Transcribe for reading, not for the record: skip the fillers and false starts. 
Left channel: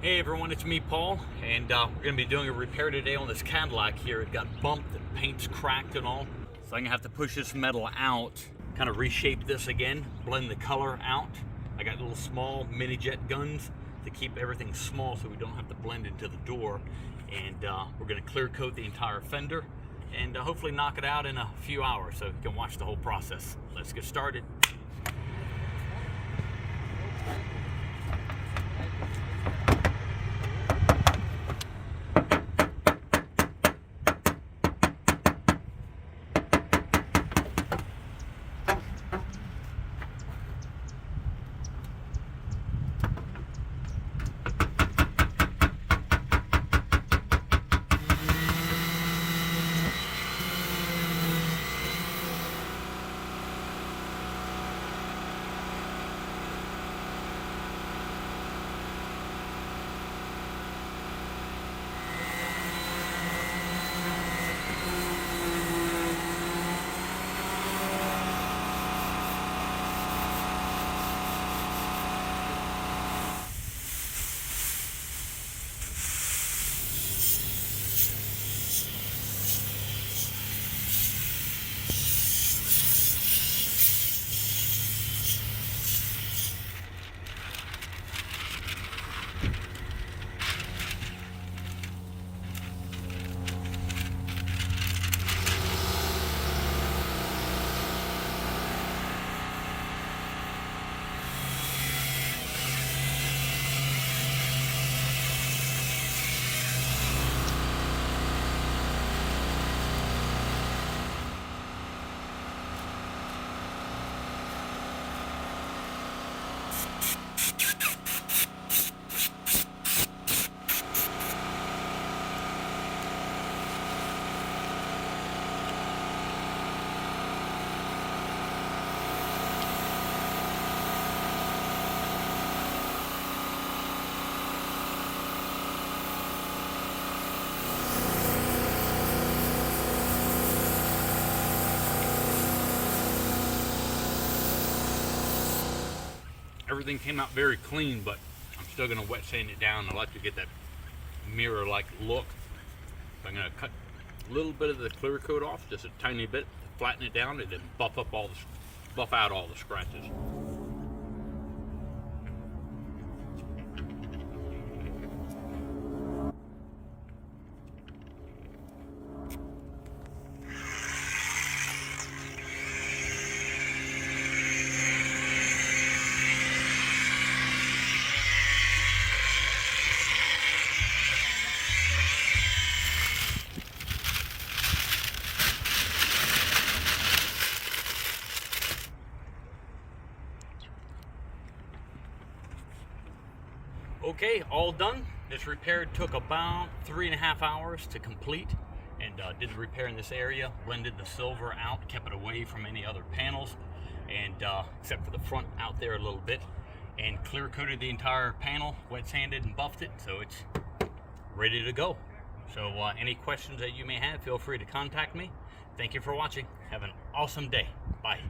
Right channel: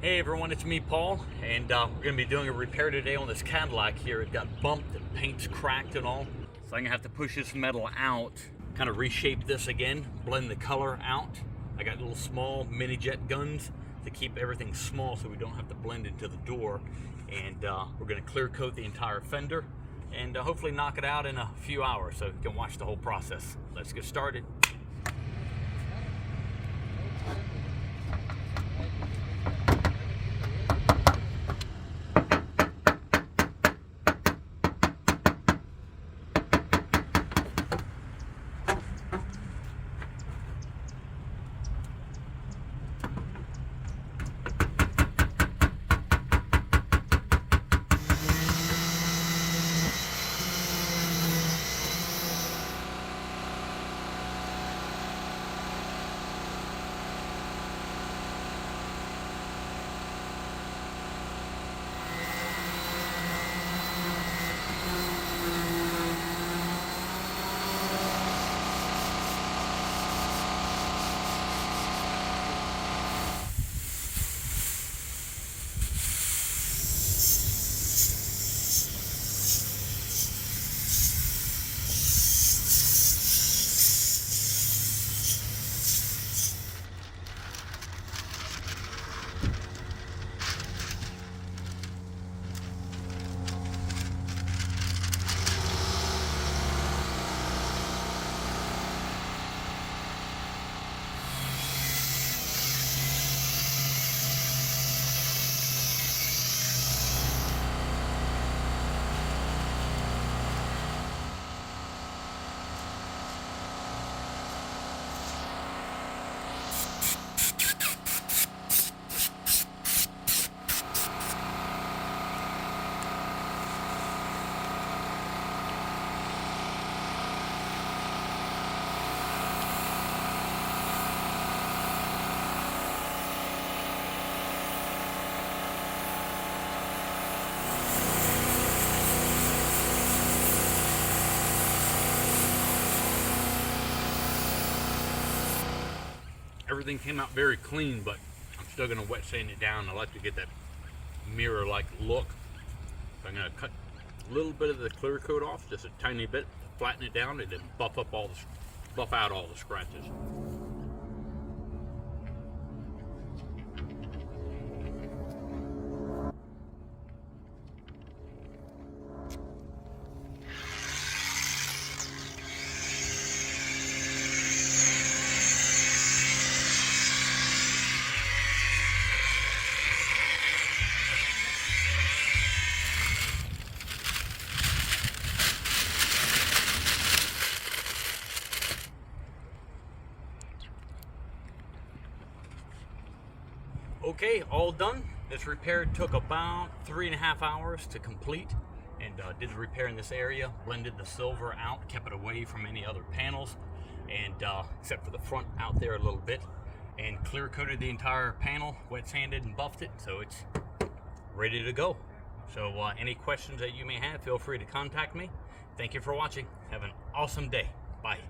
Hey everyone, it's me, Paul, and we're going to be doing a repair today on this Cadillac here. It got bumped, the paint's cracked and all. So I'm going to have to push this metal out, kind of reshape this again, blend the color out. I got little small mini jet guns to keep everything small so we don't have to blend into the door. And we're going to clear coat the entire fender and hopefully knock it out in a few hours so you can watch the whole process. Let's get started. Everything came out very clean, but I'm still going to wet sand it down. I like to get that mirror-like look. So I'm going to cut a little bit of the clear coat off, just a tiny bit, flatten it down, and then buff out all the scratches. Okay, all done. This repair took about 3.5 hours to complete, and did the repair in this area, blended the silver out, kept it away from any other panels, and except for the front out there a little bit, and clear coated the entire panel, wet sanded and buffed it, so it's ready to go. So any questions that you may have, feel free to contact me. Thank you for watching. Have an awesome day. Bye.